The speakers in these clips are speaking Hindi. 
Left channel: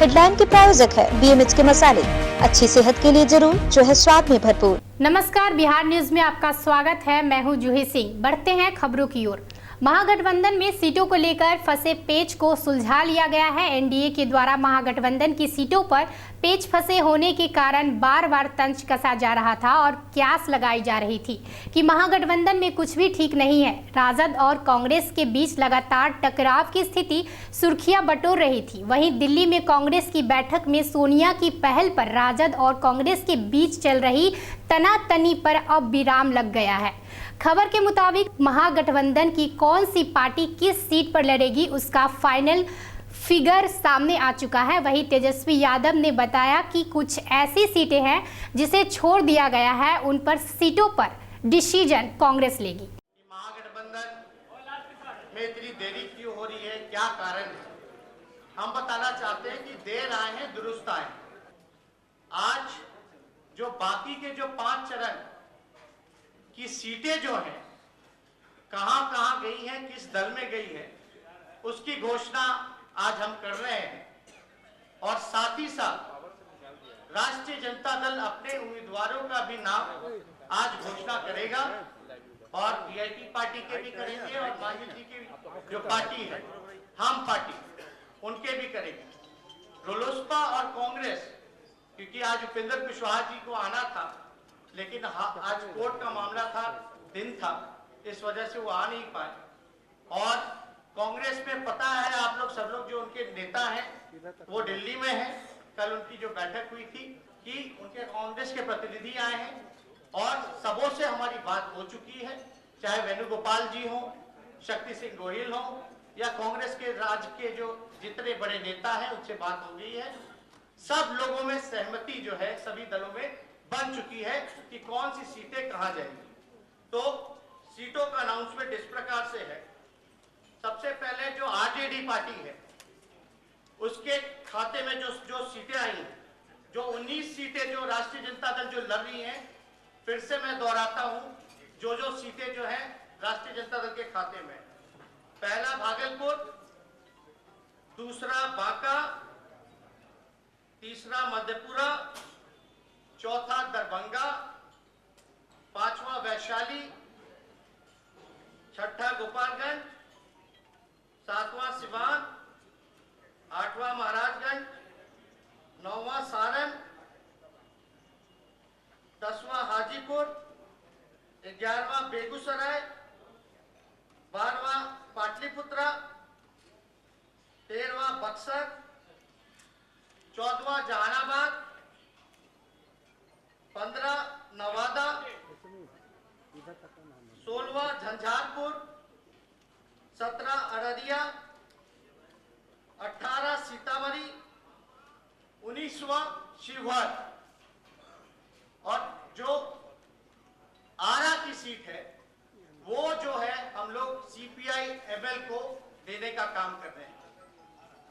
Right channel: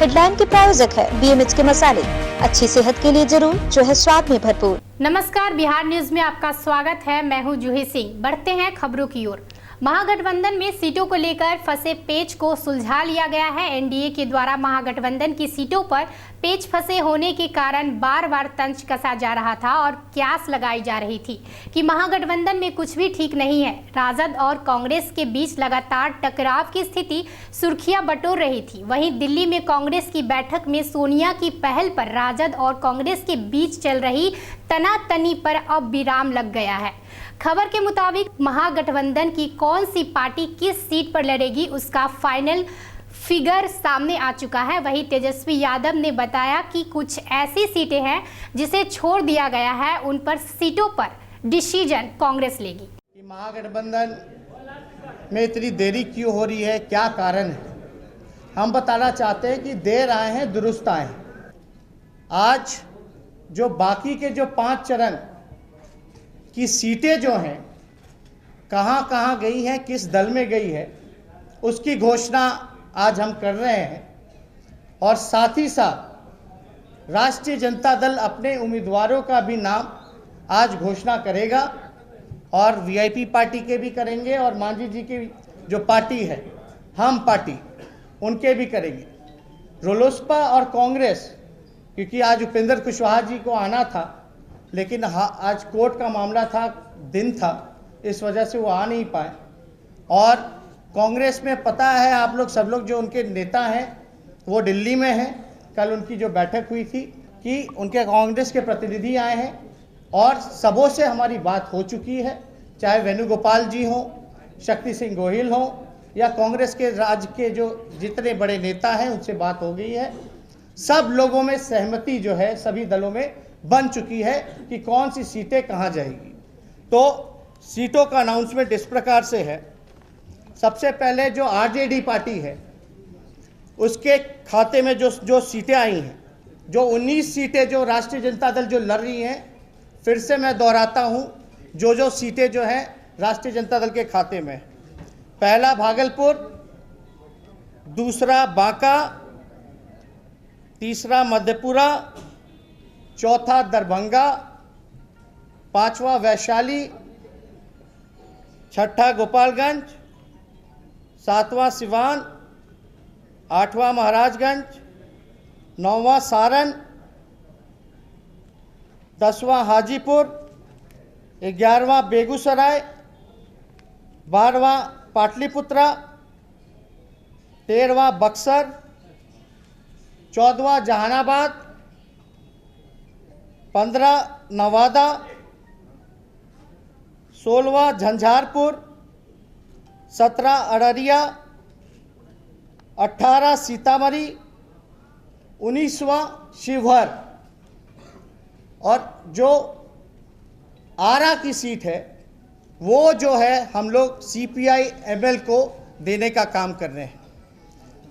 हेडलाइन के प्रायोजक है BMH के मसाले, अच्छी सेहत के लिए जरूर, जो है स्वाद में भरपूर। नमस्कार, बिहार न्यूज में आपका स्वागत है। मैं हूं जूही सिंह। बढ़ते हैं खबरों की ओर। महागठबंधन में सीटों को लेकर फंसे पेच को सुलझा लिया गया है। एनडीए के द्वारा महागठबंधन की सीटों पर पेच फंसे होने के कारण बार बार तंज कसा जा रहा था और क्यास लगाई जा रही थी कि महागठबंधन में कुछ भी ठीक नहीं है। राजद और कांग्रेस के बीच लगातार टकराव की स्थिति सुर्खियां बटोर रही थी। वहीं दिल्ली में कांग्रेस की बैठक में सोनिया की पहल पर राजद और कांग्रेस के बीच चल रही तनातनी पर अब विराम लग गया है। खबर के मुताबिक महागठबंधन की कौन सी पार्टी किस सीट पर लड़ेगी, उसका फाइनल फिगर सामने आ चुका है। वहीं तेजस्वी यादव ने बताया कि कुछ ऐसी सीटें हैं जिसे छोड़ दिया गया है, उन पर सीटों पर डिसीजन कांग्रेस लेगी। महागठबंधन में इतनी देरी क्यों हो रही है, क्या कारण है? हम बताना चाहते हैं कि देर आए हैं दुरुस्त आए हैं। आज जो बाकी के जो 5 चरण की सीटें जो हैं, कहां कहां गई हैं, किस दल में गई है, उसकी घोषणा आज हम कर रहे हैं। और साथ ही साथ राष्ट्रीय जनता दल अपने उम्मीदवारों का भी नाम आज घोषणा करेगा और वीआईपी पार्टी के भी करेंगे और मांझी जी की जो पार्टी है हम पार्टी, उनके भी करेंगे। रोलोसपा और कांग्रेस, क्योंकि आज उपेंद्र कुशवाहा जी को आना था, लेकिन आज कोर्ट का मामला था, दिन था, इस वजह से वो आ नहीं पाए। और कांग्रेस में पता है आप लोग सब लोग, जो उनके नेता हैं वो दिल्ली में हैं। कल उनकी जो बैठक हुई थी कि उनके कांग्रेस के प्रतिनिधि आए हैं और सबों से हमारी बात हो चुकी है, चाहे वेणुगोपाल जी हों, शक्ति सिंह गोहिल हों या कांग्रेस के राज्य के जो जितने बड़े नेता हैं उनसे बात हो गई है। सब लोगों में सहमति जो है सभी दलों में बन चुकी है कि कौन सी सीटें कहां जाएगी। तो सीटों का अनाउंसमेंट इस प्रकार से है। सबसे पहले जो आरजेडी पार्टी है उसके खाते में जो सीटें आई हैं, जो 19 सीटें जो राष्ट्रीय जनता दल जो लड़ रही हैं, फिर से मैं दोहराता हूं, जो सीटें जो हैं राष्ट्रीय जनता दल के खाते में। पहला भागलपुर, दूसरा बांका, तीसरा मधेपुरा, चौथा दरभंगा, पांचवा वैशाली, छठा गोपालगंज, सातवां सिवान, आठवां महाराजगंज, नौवां सारण, 10वां हाजीपुर, 11वां बेगूसराय, 12वां पाटलिपुत्रा, 13वां बक्सर, 14वां जहानाबाद, 15 नवादा, 16वां झंझारपुर, 17 अररिया, 18 सीतामढ़ी, 19वां शिवहर। और जो आरा की सीट है वो जो है हम लोग CPI-ML को देने का काम कर रहे हैं।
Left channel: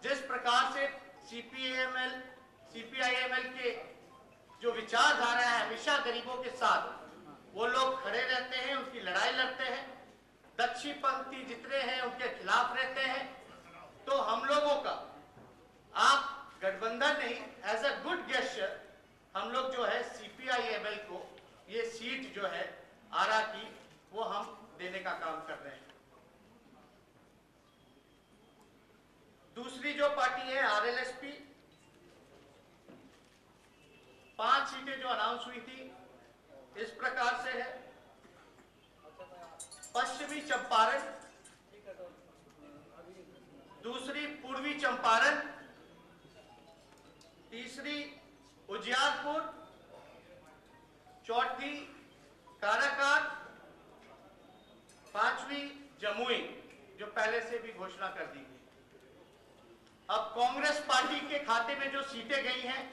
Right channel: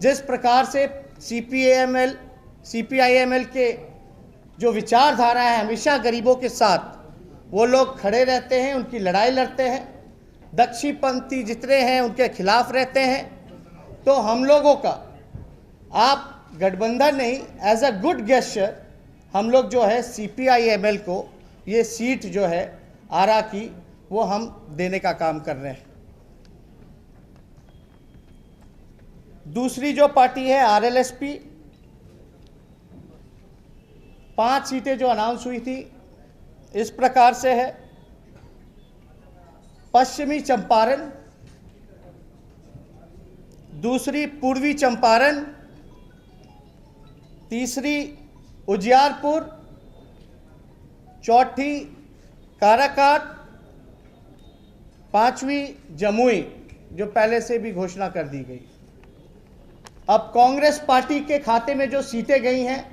जिस प्रकार से CPI-ML के जो विचारधारा है, हमेशा गरीबों के साथ वो लोग खड़े रहते हैं, उनकी लड़ाई लड़ते हैं, दक्षिणपंथी जितने हैं उनके खिलाफ रहते हैं। तो हम लोगों का आप गठबंधन नहीं, एज अ गुड गेस्चर हम लोग जो है CPI-ML को ये सीट जो है आरा की वो हम देने का काम कर रहे हैं। दूसरी जो पार्टी है RLSP, 5 सीटें जो अनाउंस हुई थी इस प्रकार से है। पश्चिमी चंपारण, दूसरी पूर्वी चंपारण, तीसरी उजियारपुर, चौथी काराकाट, 5वीं जमुई, जो पहले से भी घोषणा कर दी गई। अब कांग्रेस पार्टी के खाते में जो सीटें गई हैं,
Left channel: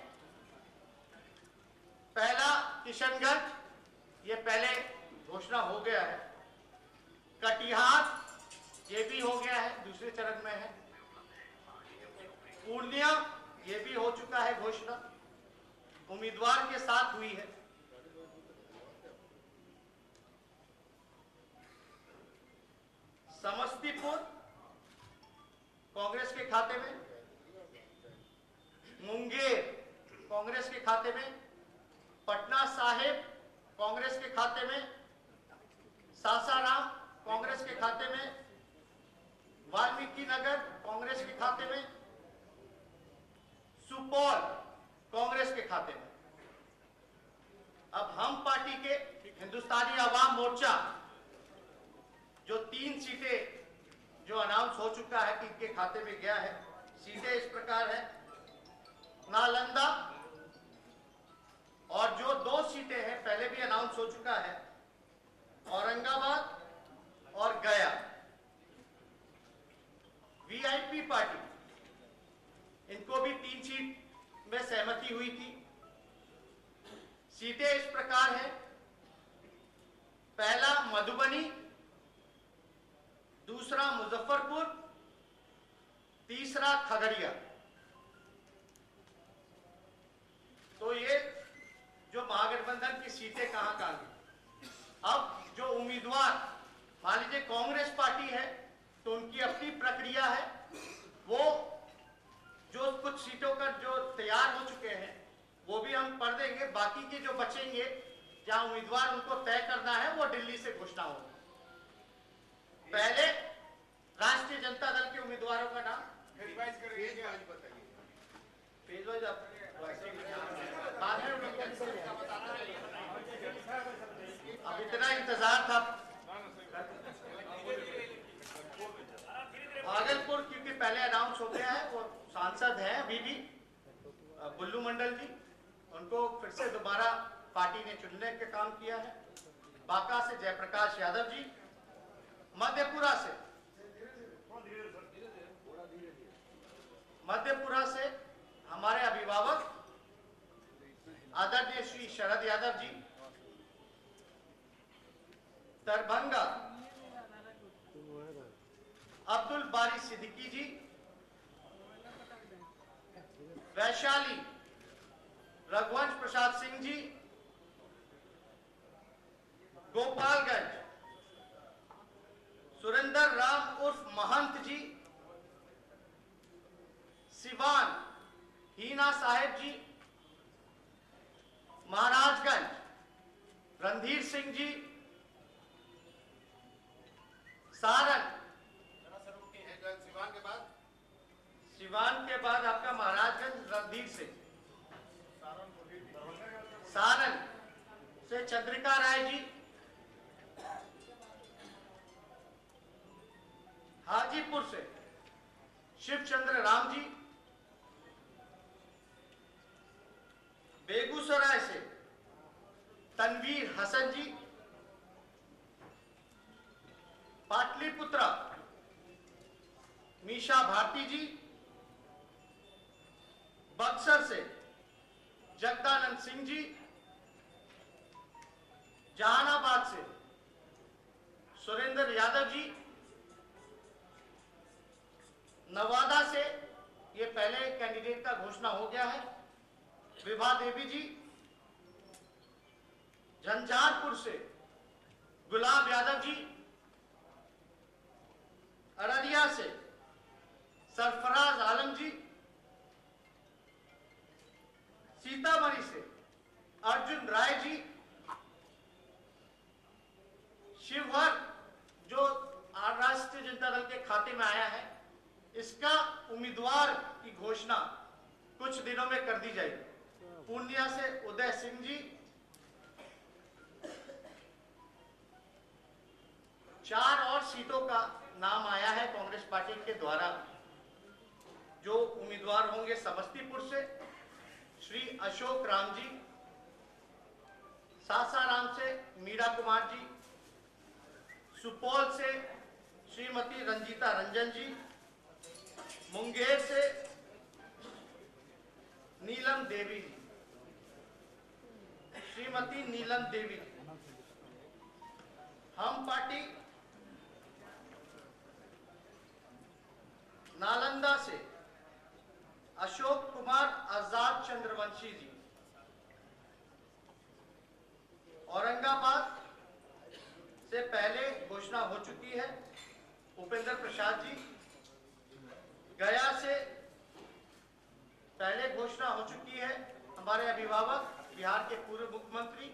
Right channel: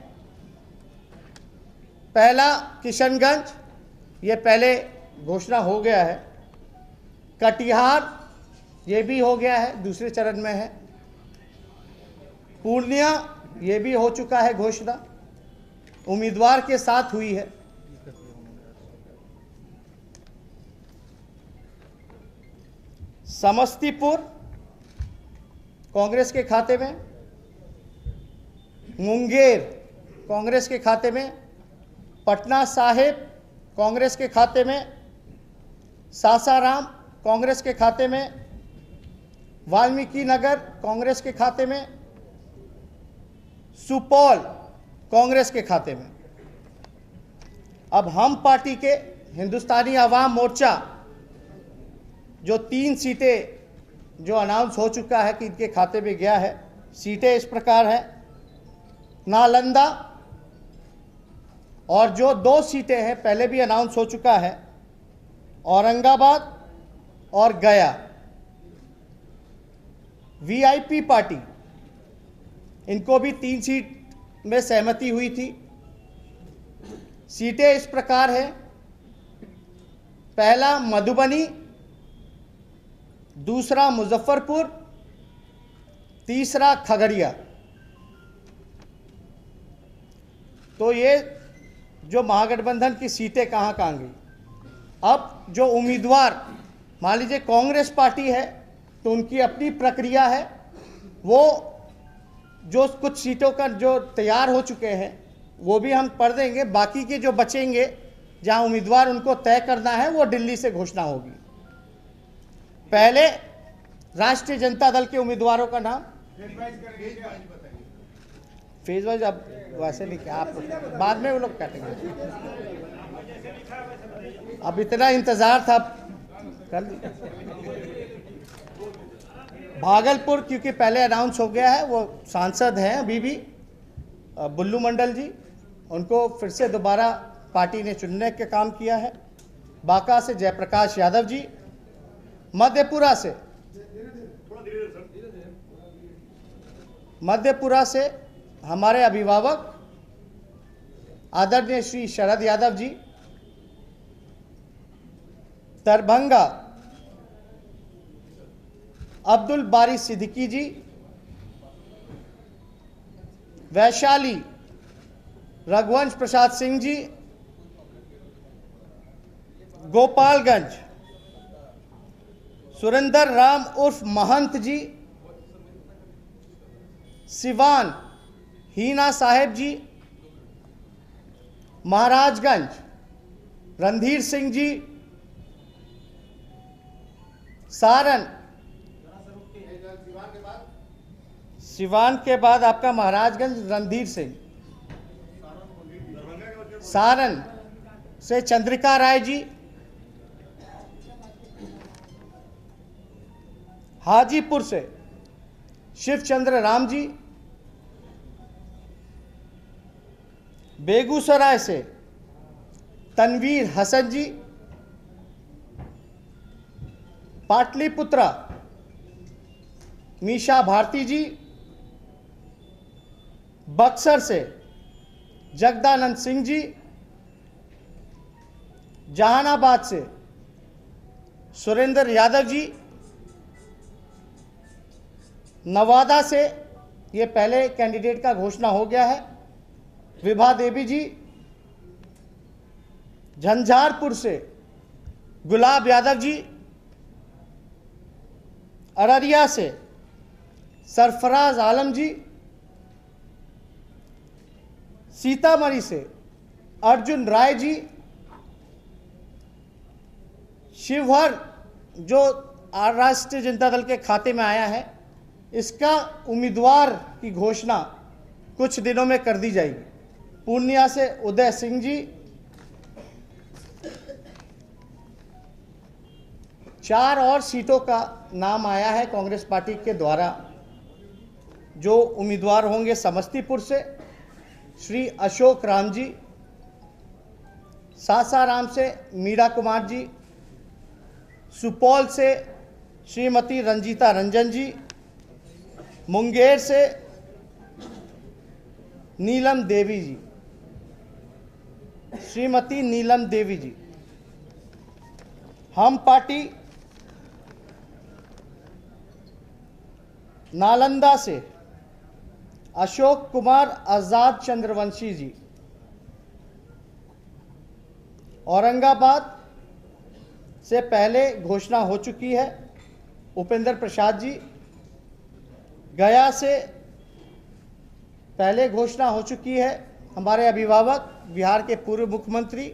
पहला किशनगंज, ये पहले घोषणा हो गया है। कटिहार, ये भी हो गया है, दूसरे चरण में है। पूर्णिया, ये भी हो चुका है घोषणा, उम्मीदवार के साथ हुई है। समस्तीपुर कांग्रेस के खाते में, मुंगेर कांग्रेस के खाते में, पटना साहिब कांग्रेस के खाते में, सासाराम कांग्रेस के खाते में, वाल्मीकि नगर कांग्रेस के खाते में, सुपौल कांग्रेस के खाते में। अब हम पार्टी के हिंदुस्तानी आवाम मोर्चा जो 3 सीटें जो अनाउंस हो चुका है कि इनके खाते में गया है, सीटें इस प्रकार हैं। नालंदा और जो 2 सीटें हैं पहले भी अनाउंस हो चुका है, औरंगाबाद और गया। वीआईपी पार्टी, इनको भी 3 सीट में सहमति हुई थी। सीटें इस प्रकार हैं, पहला मधुबनी, दूसरा मुजफ्फरपुर, तीसरा खगड़िया। तो ये जो महागठबंधन की सीटें कहाँ गई। अब जो उम्मीदवार, मान लीजिए कांग्रेस पार्टी है तो उनकी अपनी प्रक्रिया है, वो जो कुछ सीटों का जो तैयार हो चुके हैं वो भी हम पढ़ देंगे। बाकी के जो बचेंगे जहां उम्मीदवार उनको तय करना है वो दिल्ली से घोषणा होगी। पहले राष्ट्रीय जनता दल के उम्मीदवारों का नाम फेज वाइज, अब वैसे नहीं क्या आप बाद में वो लोग काटेंगे। अब इतना इंतजार था, कर लीजिए। भागलपुर क्योंकि पहले अनाउंस हो गया है, वो सांसद हैं अभी भी बुल्लू मंडल जी, उनको फिर से दोबारा पार्टी ने चुनने का काम किया है। बांका से जयप्रकाश यादव जी, मध्यपुरा से हमारे अभिभावक आदरणीय श्री शरद यादव जी, दरभंगा अब्दुल बारी सिद्दीकी जी, वैशाली रघुवंश प्रसाद सिंह जी, गोपालगंज सुरेंद्र राम उर्फ महंत जी, सिवान हीना साहेब जी, महाराजगंज रणधीर सिंह जी, सारण, सिवान के बाद आपका महाराजगंज रणधीर सिंह, सारण से चंद्रिका राय जी, हाजीपुर से शिवचंद्र राम जी, बेगूसराय से तनवीर हसन जी, पाटलिपुत्रा मीशा भारती जी, बक्सर से जगदानंद सिंह जी, जहानाबाद से सुरेंद्र यादव जी, नवादा से ये पहले कैंडिडेट का घोषणा हो गया है, विभा देवी जी, झंझारपुर से गुलाब यादव जी, अररिया से सरफराज आलम जी, सीतामढ़ी से अर्जुन राय जी, शिवहर जो राष्ट्रीय जनता दल के खाते में आया है, इसका उम्मीदवार की घोषणा कुछ दिनों में कर दी जाएगी। पूर्णिया से उदय सिंह जी, 4 और सीटों का नाम आया है कांग्रेस पार्टी के द्वारा। जो उम्मीदवार होंगे समस्तीपुर से श्री अशोक राम जी, सासाराम से मीरा कुमार जी, सुपौल से श्रीमती रंजीता रंजन जी, मुंगेर से नीलम देवी जी, श्रीमती नीलम देवी जी। हम पार्टी नालंदा से अशोक कुमार आजाद चंद्रवंशी जी, औरंगाबाद से पहले घोषणा हो चुकी है उपेंद्र प्रसाद जी, गया से पहले घोषणा हो चुकी है। हमारे अभिभावक बिहार के पूर्व मुख्यमंत्री,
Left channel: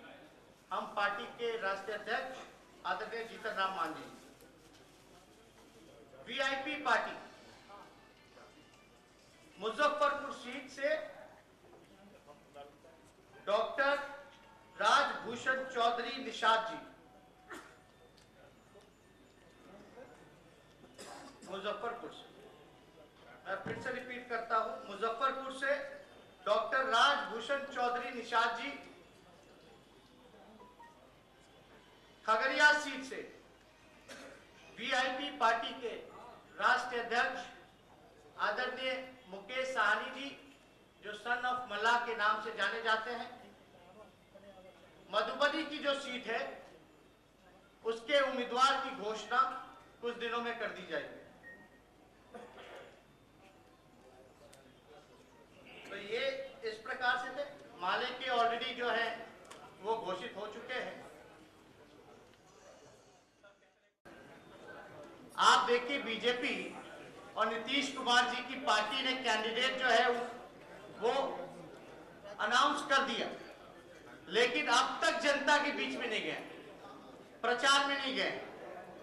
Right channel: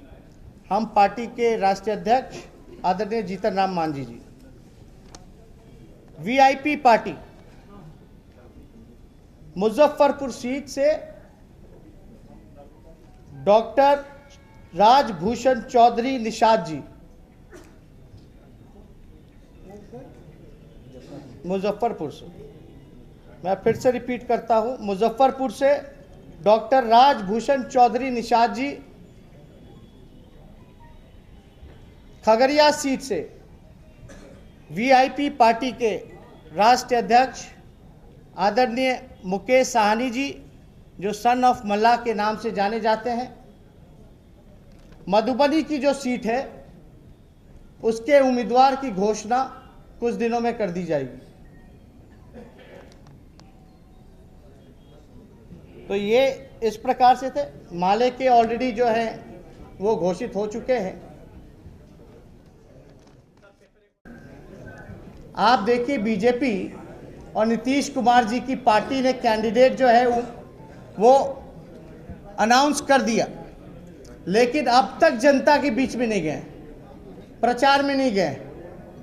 हम पार्टी के राष्ट्रीय अध्यक्ष आदरणीय जीतन राम मांझी जी, वीआईपी पार्टी मुजफ्फरपुर सीट से डॉक्टर राजभूषण चौधरी निषाद जी, मुजफ्फरपुर से, मैं फिर से रिपीट करता हूं, मुजफ्फरपुर से डॉक्टर राजभूषण चौधरी निषाद जी, खगड़िया सीट से वीआईपी पार्टी के राष्ट्रीय अध्यक्ष आदरणीय मुकेश साहनी जी, जो सन ऑफ मल्ला के नाम से जाने जाते हैं, मधुबनी की जो सीट है उसके उम्मीदवार की घोषणा कुछ दिनों में कर दी जाएगी। तो ये इस प्रकार से थे। माले के ऑलरेडी जो है वो घोषित हो चुके हैं। आप देखिए, बीजेपी और नीतीश कुमार जी की पार्टी ने कैंडिडेट जो है वो अनाउंस कर दिया, लेकिन अब तक जनता के बीच में नहीं गए, प्रचार में नहीं गए।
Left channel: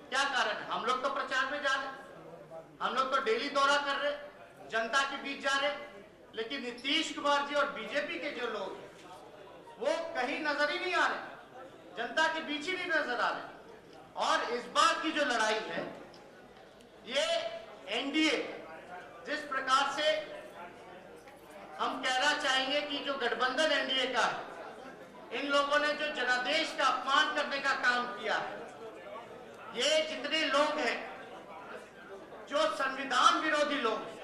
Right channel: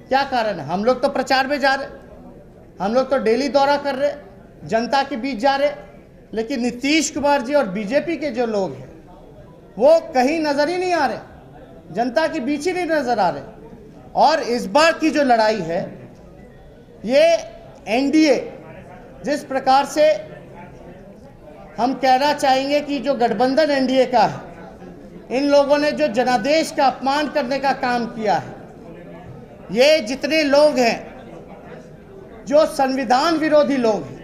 क्या कारण है? हम लोग तो प्रचार में जा रहे, हम लोग तो डेली दौरा कर रहे, जनता के बीच जा रहे, लेकिन नीतीश कुमार जी और बीजेपी के जो लोग हैं वो कहीं नजर ही नहीं आ रहे, जनता के बीच ही नहीं नजर आ रहे। और इस बार की जो लड़ाई है, ये एनडीए, जिस प्रकार से हम कहना चाहेंगे कि जो गठबंधन एनडीए का है, इन लोगों ने जो जनादेश का अपमान करने का काम किया है, ये जितने लोग हैं जो संविधान विरोधी लोग हैं,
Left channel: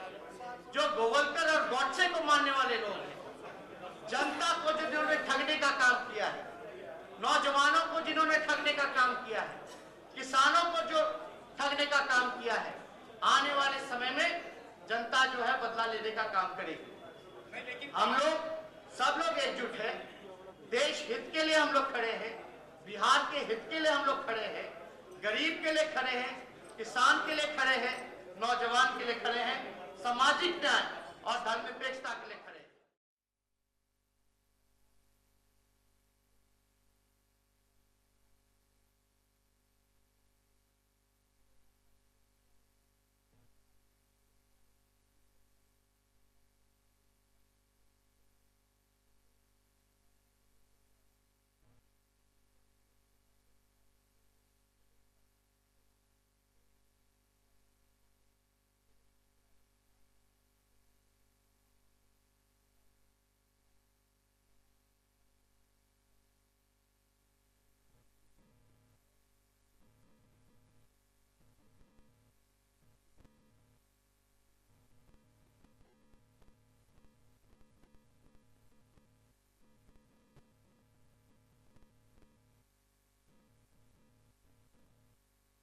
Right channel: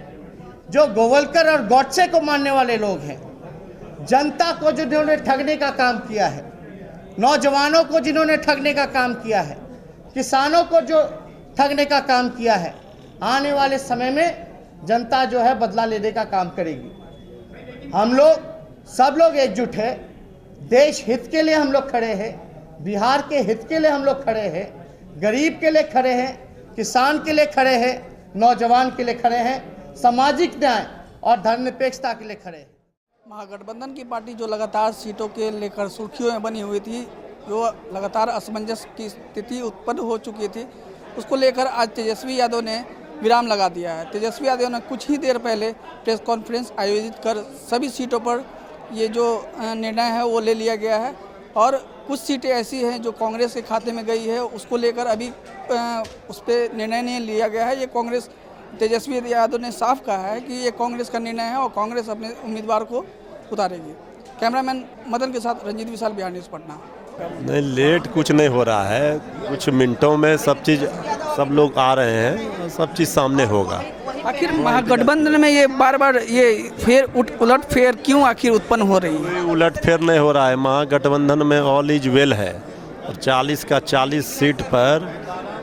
जो गोवलकर और गॉडसे को मानने वाले लोग हैं, जनता को जो जिन्होंने ठगने का काम किया है, नौजवानों को जिन्होंने ठगने का काम किया है, किसानों को जो ठगने का काम किया है, आने वाले समय में जनता जो है बदला लेने का काम करेगी। हम लोग सब लोग एकजुट है, देश हित के लिए हम लोग खड़े हैं, बिहार के हित के लिए हम लोग खड़े हैं, गरीब के लिए खड़े हैं, किसान के लिए खड़े हैं, नौजवान के लिए खड़े हैं, सामाजिक न्याय और धर्मनिरपेक्षता के लिए खड़े हैं। महागठबंधन की पार्टी जो लगातार सीटों के लेकर सुर्खियों में बनी हुई थी, जो लगातार असमंजस की स्थिति उत्पन्न हो चुकी थी, उसको लेकर आज तेजस्वी यादव ने विराम लगा दिया है। तेजस्वी यादव ने कुछ ही देर पहले प्रेस कॉन्फ्रेंस आयोजित कर सभी सीटों पर ये जो निर्णय है वो ले लिया गया है, और कुछ सीटें ऐसी हैं जो कांग्रेस के खाते में गई है, उसको लेकर अभी उस पर निर्णय नहीं लिया गया है। ये कांग्रेस, तेजस्वी यादव ने साफ कहा है कि ये कांग्रेस का निर्णय है और कांग्रेस अपने उम्मीदवार को उतारेगी। कैमरामैन मदन के साथ रंजीत विशाल, बिहार न्यूज़, पटना। नहीं, लेट कुछ नहीं हो रहा है, कुछ मिनटों में सब चीज़, सब लोग आ रहे हैं, सब चीज़ सामने होगा। आखिर महागठबंधन में ये बार बार ये उलट फेर क्यों आखिर उत्पन्न हो रही है? कोई उलट फेर नहीं हो रहा है। महागठबंधन में ऑल इज वेल है, और 40 का 40 सीट पर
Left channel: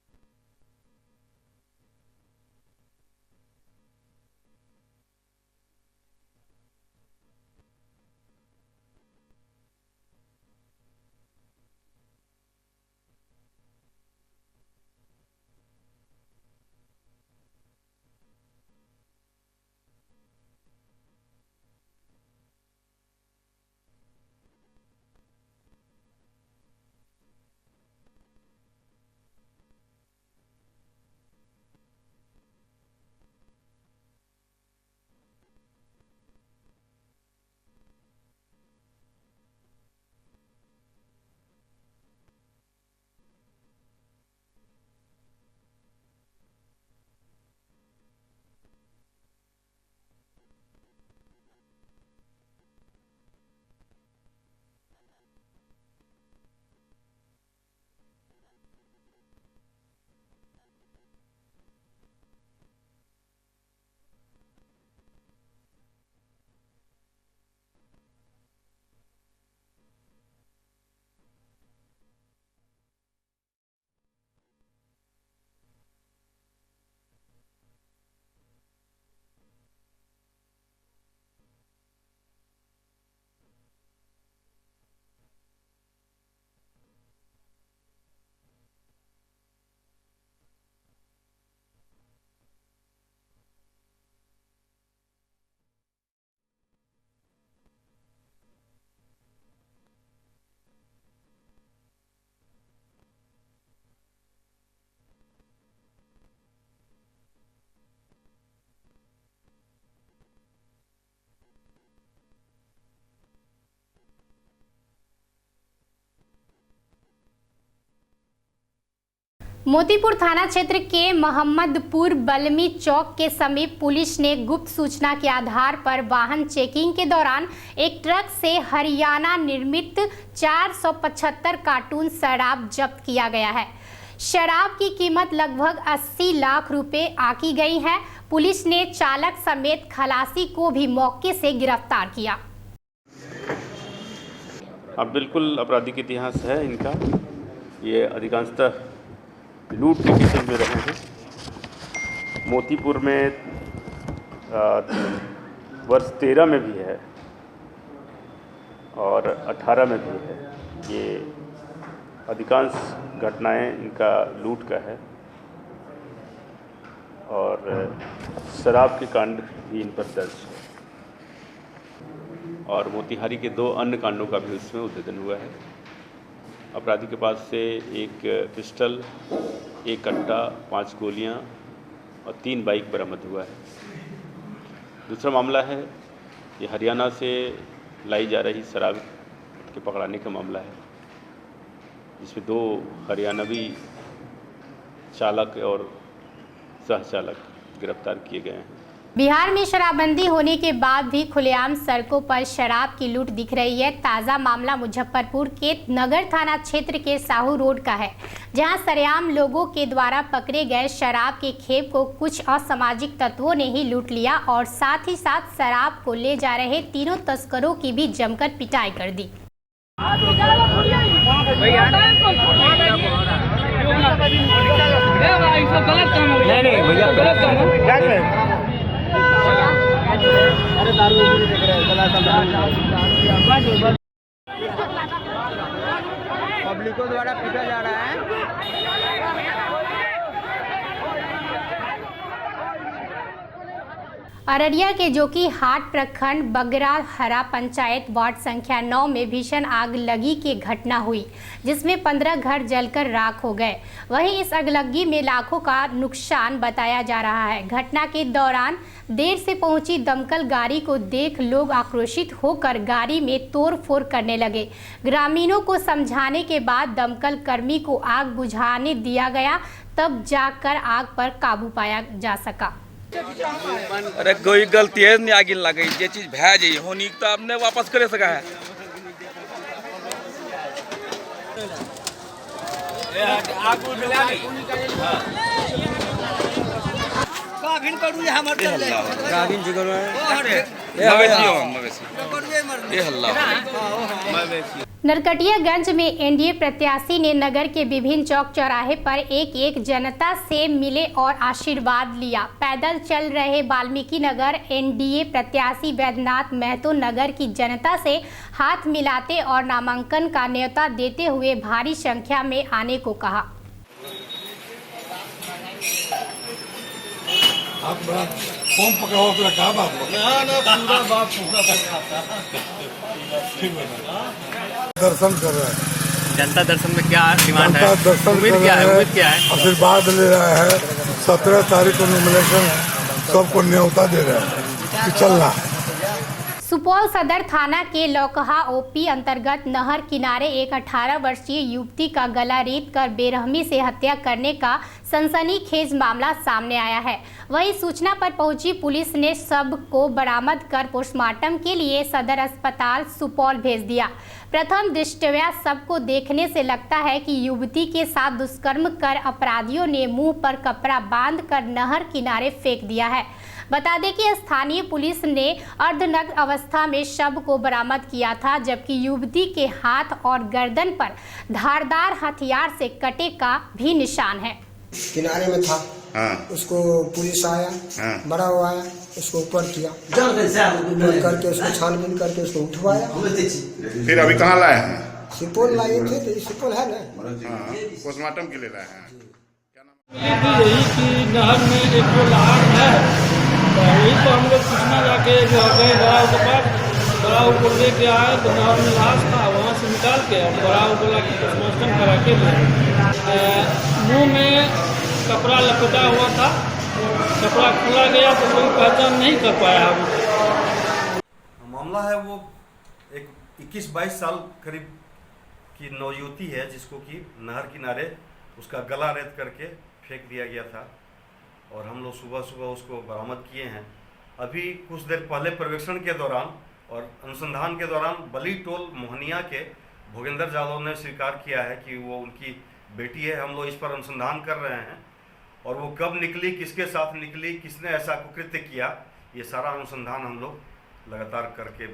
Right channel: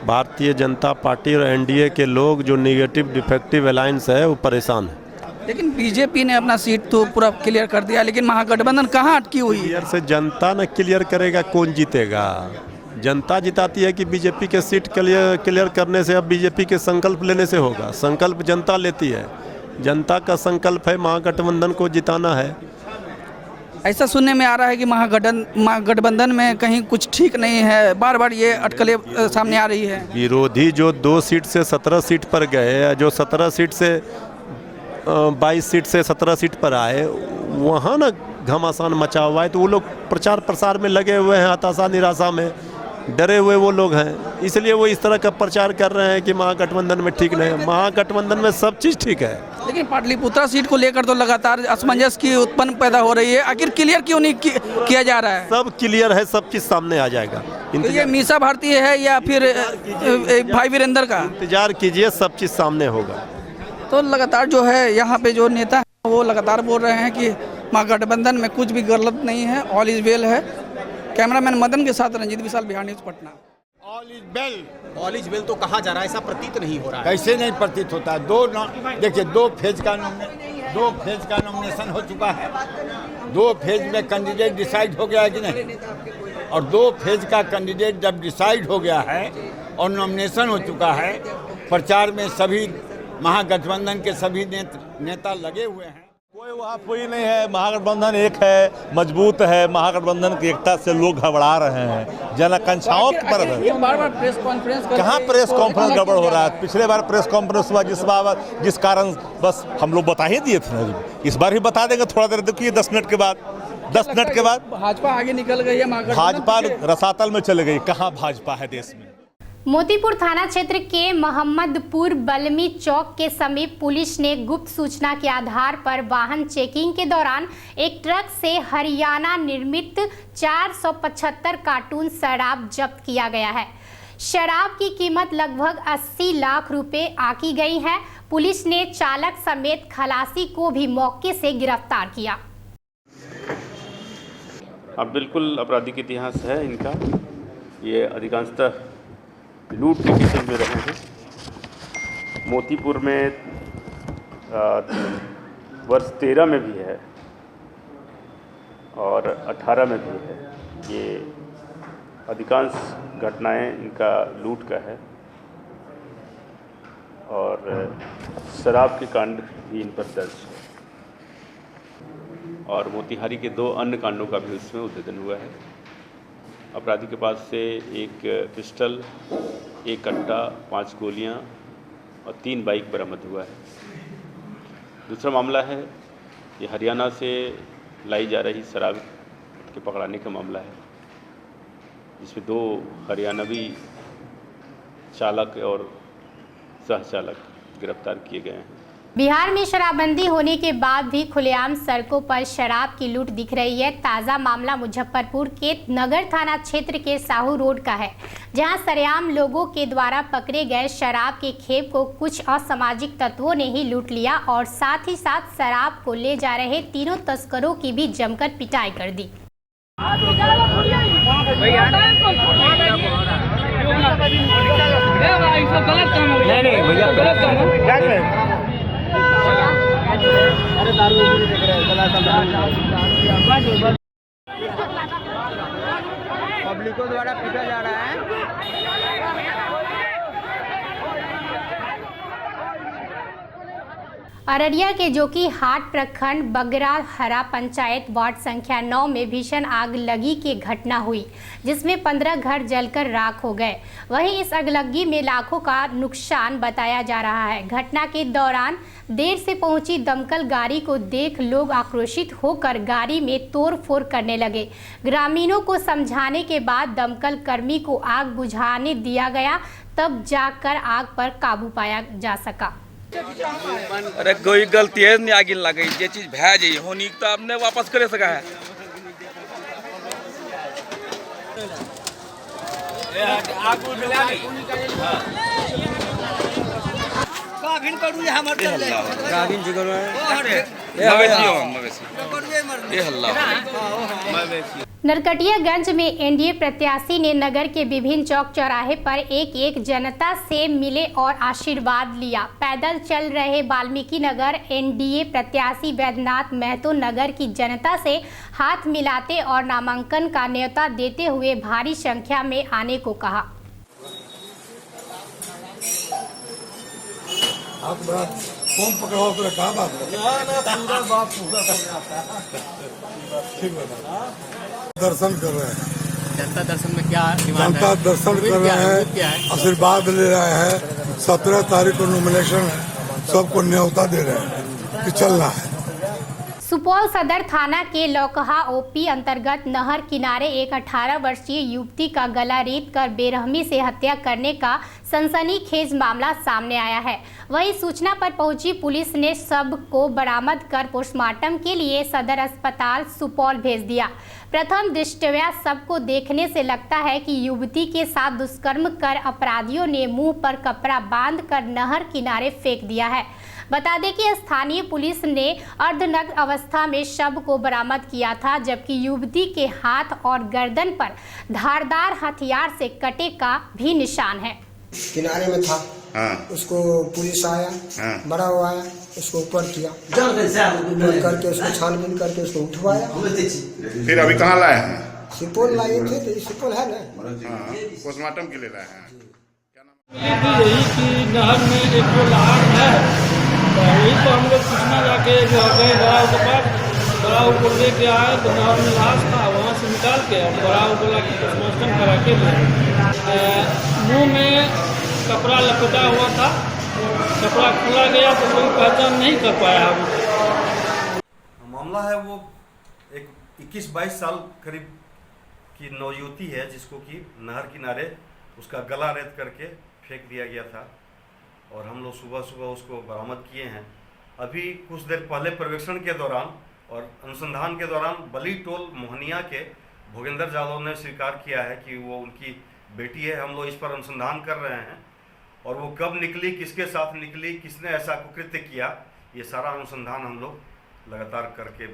भारतीय जनता पार्टी और एनडीए के लोग जो निगेटिव डिफेक्टिव अलायंस है वो परेशान है। लेकिन बीजेपी ने अपना सीट तो पूरा क्लियर कर दिया, लेकिन महागठबंधन कहाँ अटकी हुई है? क्लियर से जनता न क्लियर करेगा, कौन जीतेगा? जनता जिताती है कि बीजेपी के सीट क्लियर करने से, अब बीजेपी के संकल्प लेने से होगा। संकल्प जनता लेती है, जनता का संकल्प है महागठबंधन को जिताना है। ऐसा सुनने में आ रहा है कि महागठबंधन में कहीं कुछ ठीक नहीं है, बार बार ये अटकलें सामने आ रही है। विरोधी जो 2 सीट से 17 सीट पर गए, जो 17 सीट से 22 सीट से 17 सीट पर आए, वहाँ ना घमासान मचा हुआ है। तो वो लोग प्रचार प्रसार में लगे हुए हैं, हताशा निराशा में डरे हुए वो लोग हैं, इसलिए वो इस तरह का प्रचार कर रहे हैं कि महागठबंधन में ठीक नहीं है। महागठबंधन में सब चीज़ ठीक है। लेकिन पाटलिपुत्रा सीट को लेकर तो लगातार असमंजस की उत्पन्न पैदा हो रही है, आखिर क्लियर क्यों नहीं किया जा रहा है? सब क्लियर है, सब चीज़ सामने आ जाएगा। तो ये मीसा भारती है या फिर भाई वीरेंद्र का? इंतजार कीजिए, सब चीज़ सामने होगा। तो लगातार जो है यहाँ पे जो नेता है वो लगातार बोल रहे हैं कि महागठबंधन में कुछ भी गलत नहीं है, ऑल इज वेल है। कैमरामैन मदन के साथ Ranjit Vishal, Bihar news, Patna. All is well, all is well तो कहा जा रहा है, ऐसा प्रतीत नहीं हो रहा है। कैसे नहीं प्रतीत होता है? देखिए, 2 फेज का नॉमिनेशन हो चुका है। 2 फेज में कैंडिडेट डिसाइड हो गया है कि नहीं? और 2 फेज का कैंडिडेट जब डिसाइड हो गया है और नॉमिनेशन हो चुका है, प्रचार में सभी महागठबंधन के सभी नेता लगे हुए हैं। कोई वहाँ कोई नहीं है। महागठबंधन एक है, मजबूत है। महागठबंधन की एकता से लोग घबरा रहे हैं, जन आकांक्षाओं पर। बार-बार प्रेस कॉन्फ्रेंस कहाँ प्रेस कॉन्फ्रेंस गड़बड़ हो रहा है? पिछले बार प्रेस कॉन्फ्रेंस हुआ जिस कारण बस हम लोग बता ही दिए थे। इस बार भी बता देंगे, थोड़ा देर देखिए, 10 मिनट के बाद। 10 मिनट के बाद भाजपा आगे निकल गई है। भाजपा रसातल में चले गई। कहाँ भाजपा है देश में? मोतीपुर थाना क्षेत्र के मोहम्मदपुर बलमी चौक के समीप पुलिस ने गुप्त सूचना के आधार पर वाहन चेकिंग के दौरान एक ट्रक से हरियाणा निर्मित 475 कार्टून शराब जब्त किया गया है। शराब की कीमत लगभग 80 लाख रुपए आंकी गई है। पुलिस ने चालक समेत खलासी को भी मौके से गिरफ्तार किया। अब बिल्कुल आपराधिक इतिहास है इनका। ये अधिकांशतः लूट के किस्म में रहे हैं। मोतीपुर में वर्ष 13 में भी है और 18 में भी है। ये अधिकांश घटनाएं इनका लूट का है और शराब के कांड भी इन पर दर्ज है और मोतिहारी के 2 अन्य कांडों का भी उसमें उद्भेदन हुआ है। अपराधी के पास से एक पिस्टल, 1 कट्टा, 5 गोलियां और 3 बाइक बरामद हुआ है। दूसरा मामला है ये हरियाणा से लाई जा रही शराब के पकड़ाने का मामला है, जिसमें 2 हरियाणवी चालक और सहचालक गिरफ्तार किए गए हैं। बिहार में शराबबंदी होने के बाद भी खुलेआम सड़कों पर शराब की लूट दिख रही है। ताज़ा मामला मुजफ्फरपुर के नगर थाना क्षेत्र के साहू रोड का है, जहां सरेआम लोगों के द्वारा पकड़े गए शराब के खेप को कुछ असामाजिक तत्वों ने ही लूट लिया और साथ ही साथ शराब को ले जा रहे 3 तस्करों की भी जमकर पिटाई कर दी। पब्लिकों द्वारा पीटा जा रहा है। अररिया के जोकी हाट प्रखंड बगरा हरा पंचायत वार्ड संख्या 9 में भीषण आग लगी की घटना हुई, जिसमें 15 घर जलकर राख हो गए। वहीं इस अगलगी में लाखों का नुकसान बताया जा रहा है। घटना के दौरान देर से पहुंची दमकल गाड़ी को देख लोग आक्रोशित होकर गाड़ी में तोड़फोड़ करने लगे। ग्रामीणों को समझाने के बाद दमकल कर्मी को आग बुझाने दिया गया, तब जाकर आग पर काबू पाया जा सका। अरे कोई गलती है नहीं, आगे लग गई। ये चीज भै जाइए होनी तो आपने वापस करे सका है। नरकटियागंज में एनडीए प्रत्याशी ने नगर के विभिन्न चौक चौराहे पर एक जनता से मिले और आशीर्वाद लिया। पैदल चल रहे वाल्मीकि नगर एनडीए प्रत्याशी वैद्यनाथ महतो नगर की जनता से हाथ मिलाते और नामांकन का न्योता देते हुए भारी संख्या में आने को कहा। आप बड़ा फॉर्म पकड़ा हुआ पूरा काम आपको? पूरा बाप पूरा दर्शन कर रहे हैं। जनता दर्शन में क्या जनता दर्शन कर रहे हैं, आशीर्वाद ले रहे हैं। 17 तारीख को नॉमिनेशन सबको न्योता दे रहे हैं कि चलना है। सुपौल सदर थाना के लौकहा ओपी अंतर्गत नहर किनारे एक 18 वर्षीय युवती का गला रेत कर बेरहमी से हत्या करने का सनसनीखेज मामला सामने आया है। वहीं सूचना पर पहुंची पुलिस ने शव को बरामद कर पोस्टमार्टम के लिए सदर अस्पताल सुपौल भेज दिया। प्रथम दृष्टया शव को देखने से लगता है कि युवती के साथ दुष्कर्म कर अपराधियों ने मुंह पर कपड़ा बांधकर नहर किनारे फेंक दिया है। बता दें कि स्थानीय पुलिस ने अर्धनग्न अवस्था में शव को बरामद किया था, जबकि युवती के हाथ और गर्दन पर धारदार हथियार से कटे का भी निशान है। किनारे में था। उसको पुलिस आया, बड़ा हुआ आया, उसको ऊपर किया, ऊपर करके उसको छानबीन करके उसको उठवाया। फिर अभी कहाँ लाए हैं? सुपौल लाए थे, तो सुपौल है ना, पोस्टमार्टम के लिए लाए हैं। यही कि नहर में एक जो लाश है वही तो हम लोग सूचना जाके जो गए बड़ाऊ के पास, बड़ाऊ को लेके आए, बड़ाऊ में लाश था, वहाँ से निकाल के और बड़ाऊ बोला कि पोस्टमार्टम करा के मुँह में कपड़ा लपेटा हुआ था, कपड़ा खुला गया तो कोई पहचान नहीं कर पाया। मामला है वो एक 21-22 साल करीब की नौयुवती है जिसको कि नहर किनारे उसका गला रेत करके फेंक दिया गया था और हम लोग सुबह सुबह उसको बरामद किए हैं। अभी कुछ देर पहले पर्यवेक्षण के दौरान और अनुसंधान के दौरान बली टोल मोहनिया के भोगेंद्र यादव ने स्वीकार किया है कि वो उनकी बेटी है। हम लोग इस पर अनुसंधान कर रहे हैं और वो कब निकली, किसके साथ निकली, किसने ऐसा कुकृत्य किया, ये सारा अनुसंधान हम लोग लगातार करके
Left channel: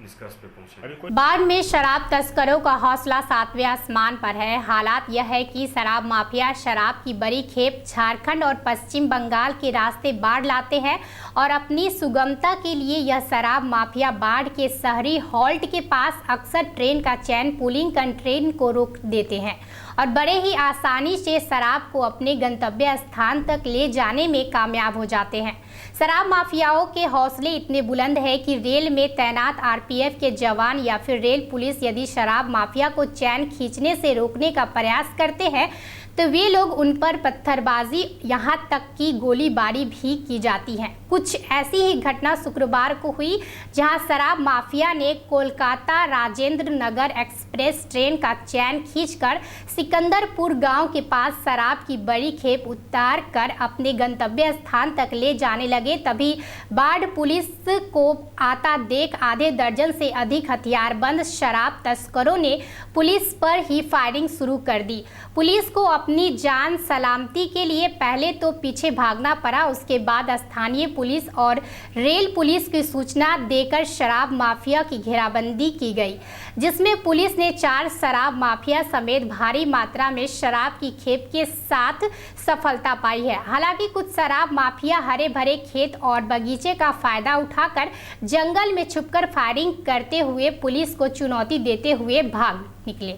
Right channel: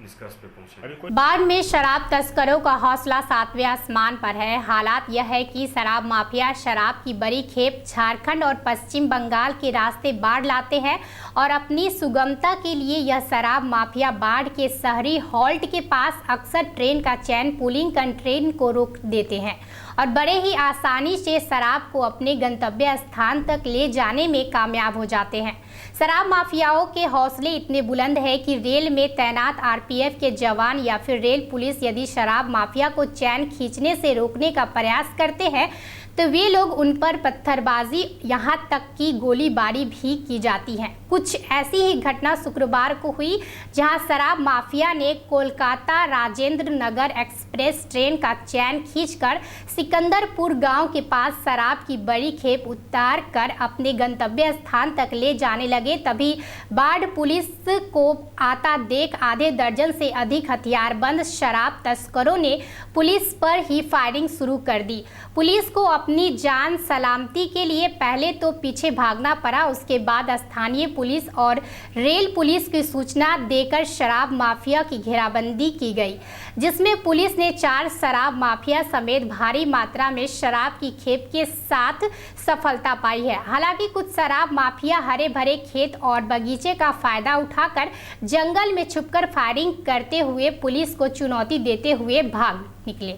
निष्कर्ष पे पहुंचे। बाढ़ में शराब तस्करों का हौसला 7वें आसमान पर है। हालात यह है कि शराब माफिया शराब की बड़ी खेप झारखंड और पश्चिम बंगाल के रास्ते बाढ़ लाते हैं और अपनी सुगमता के लिए यह शराब माफिया बाढ़ के शहरी हॉल्ट के पास अक्सर ट्रेन का चैन पुलिंग कर ट्रेन को रोक देते हैं और बड़े ही आसानी से शराब को अपने गंतव्य स्थान तक ले जाने में कामयाब हो जाते हैं। शराब माफियाओं के हौसले इतने बुलंद है कि रेल में तैनात आरपीएफ के जवान या फिर रेल पुलिस यदि शराब माफिया को चैन खींचने से रोकने का प्रयास करते हैं तो वे लोग उन पर पत्थरबाजी यहाँ तक कि गोलीबारी भी की जाती है। कुछ ऐसी ही घटना शुक्रवार को हुई जहां शराब माफिया ने कोलकाता राजेंद्र नगर एक्सप्रेस ट्रेन का चैन खींचकर सिकंदरपुर गांव के पास शराब की बड़ी खेप उतार कर अपने गंतव्य स्थान तक ले जाने लगे। तभी बाढ़ पुलिस को आता देख आधे दर्जन से अधिक हथियारबंद शराब तस्करों ने पुलिस पर ही फायरिंग शुरू कर दी। पुलिस को अपनी जान सलामती के लिए पहले तो पीछे भागना पड़ा, उसके बाद स्थानीय पुलिस और रेल पुलिस की सूचना देकर शराब माफिया की घेराबंदी की गई, जिसमें पुलिस ने 4 शराब माफिया समेत भारी मात्रा में शराब की खेप के साथ सफलता पाई है। हालांकि कुछ शराब माफिया हरे भरे खेत और बगीचे का फायदा उठाकर जंगल में छुपकर फायरिंग करते हुए पुलिस को चुनौती देते हुए भाग निकले।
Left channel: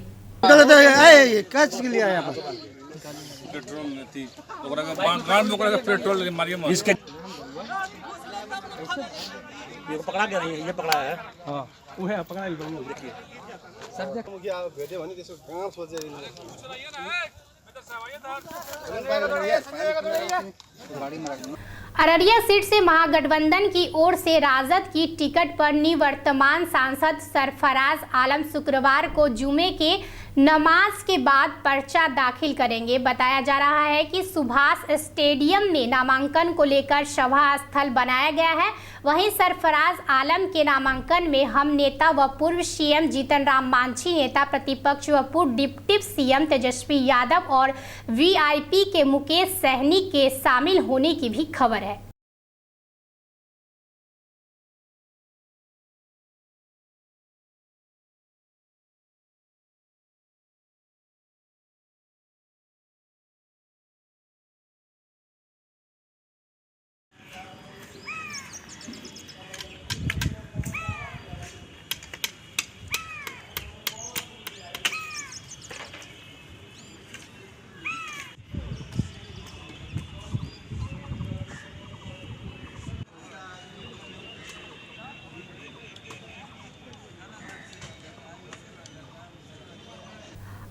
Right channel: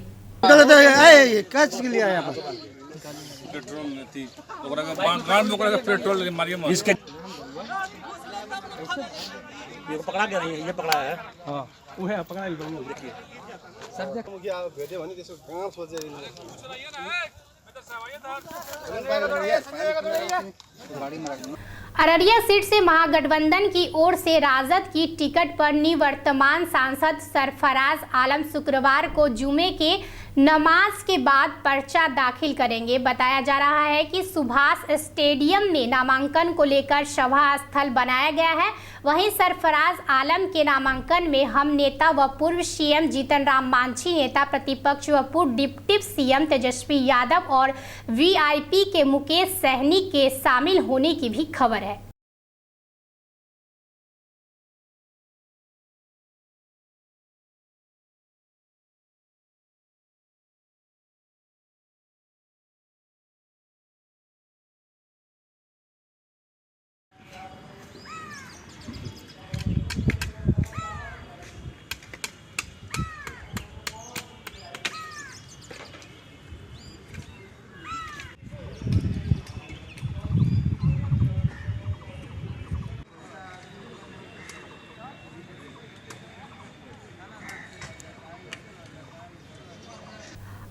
पेट्रोल नहीं ओकरा का बांध ओकरा का पेट्रोल मारियो मत इसके ये पकड़ा गया ये पकड़ा है। हां वो है पकड़ा ही बनो देखिए सर देख मुझे भेजे भने त्यसको गाँव सोचे अररिया सीट से महागठबंधन की ओर से राजद की टिकट पर निवर्तमान सांसद सरफराज आलम शुक्रवार को जुमे के नमाज के बाद पर्चा दाखिल करेंगे। बताया जा रहा है कि सुभाष स्टेडियम में नामांकन को लेकर सभा स्थल बनाया गया है। वहीं सरफराज आलम के नामांकन में हम नेता व पूर्व सीएम जीतन राम मांझी, नेता प्रतिपक्ष व पूर्व डिप्टी सीएम तेजस्वी यादव और वीआईपी के मुकेश सहनी के शामिल होने की भी खबर है।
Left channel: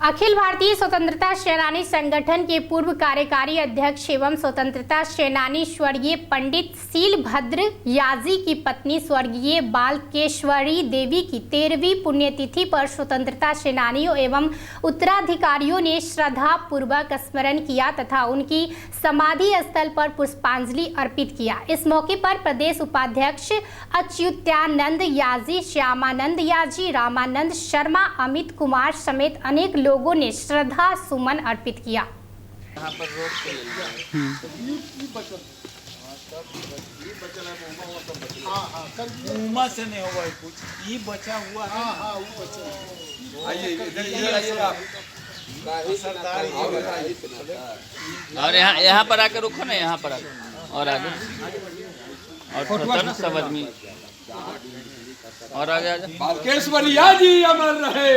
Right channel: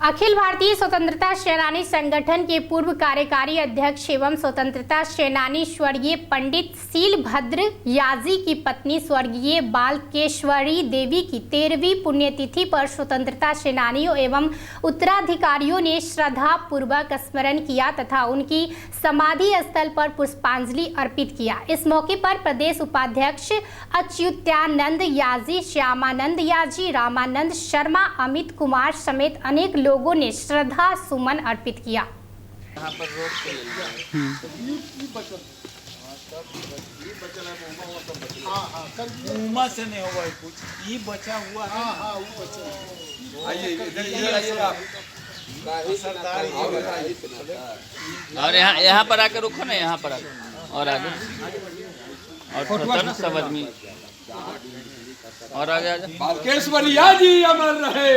अखिल भारतीय स्वतंत्रता सेनानी संगठन के पूर्व कार्यकारी अध्यक्ष एवं स्वतंत्रता सेनानी स्वर्गीय पंडित शीलभद्र याजी की पत्नी स्वर्गीय बालकेश्वरी देवी की 13वीं पुण्यतिथि पर स्वतंत्रता सेनानियों एवं उत्तराधिकारियों ने श्रद्धा पूर्वक स्मरण किया तथा उनकी समाधि स्थल पर पुष्पांजलि अर्पित किया। इस मौके पर प्रदेश उपाध्यक्ष अच्युतानंद याजी, श्यामानंद याजी, रामानंद शर्मा, अमित कुमार समेत अनेक लोगों ने श्रद्धा सुमन अर्पित किया। यहाँ पर रोक उमा से नहीं होगा कुछ, ये बचा हुआ है। आइए इधर आइए आप और यहाँ पर आकर रुको ना, यहाँ पर आकर और आगे और ना सब आदमी और आगे आजा। बालकेश्वरिया जी अमर रहे,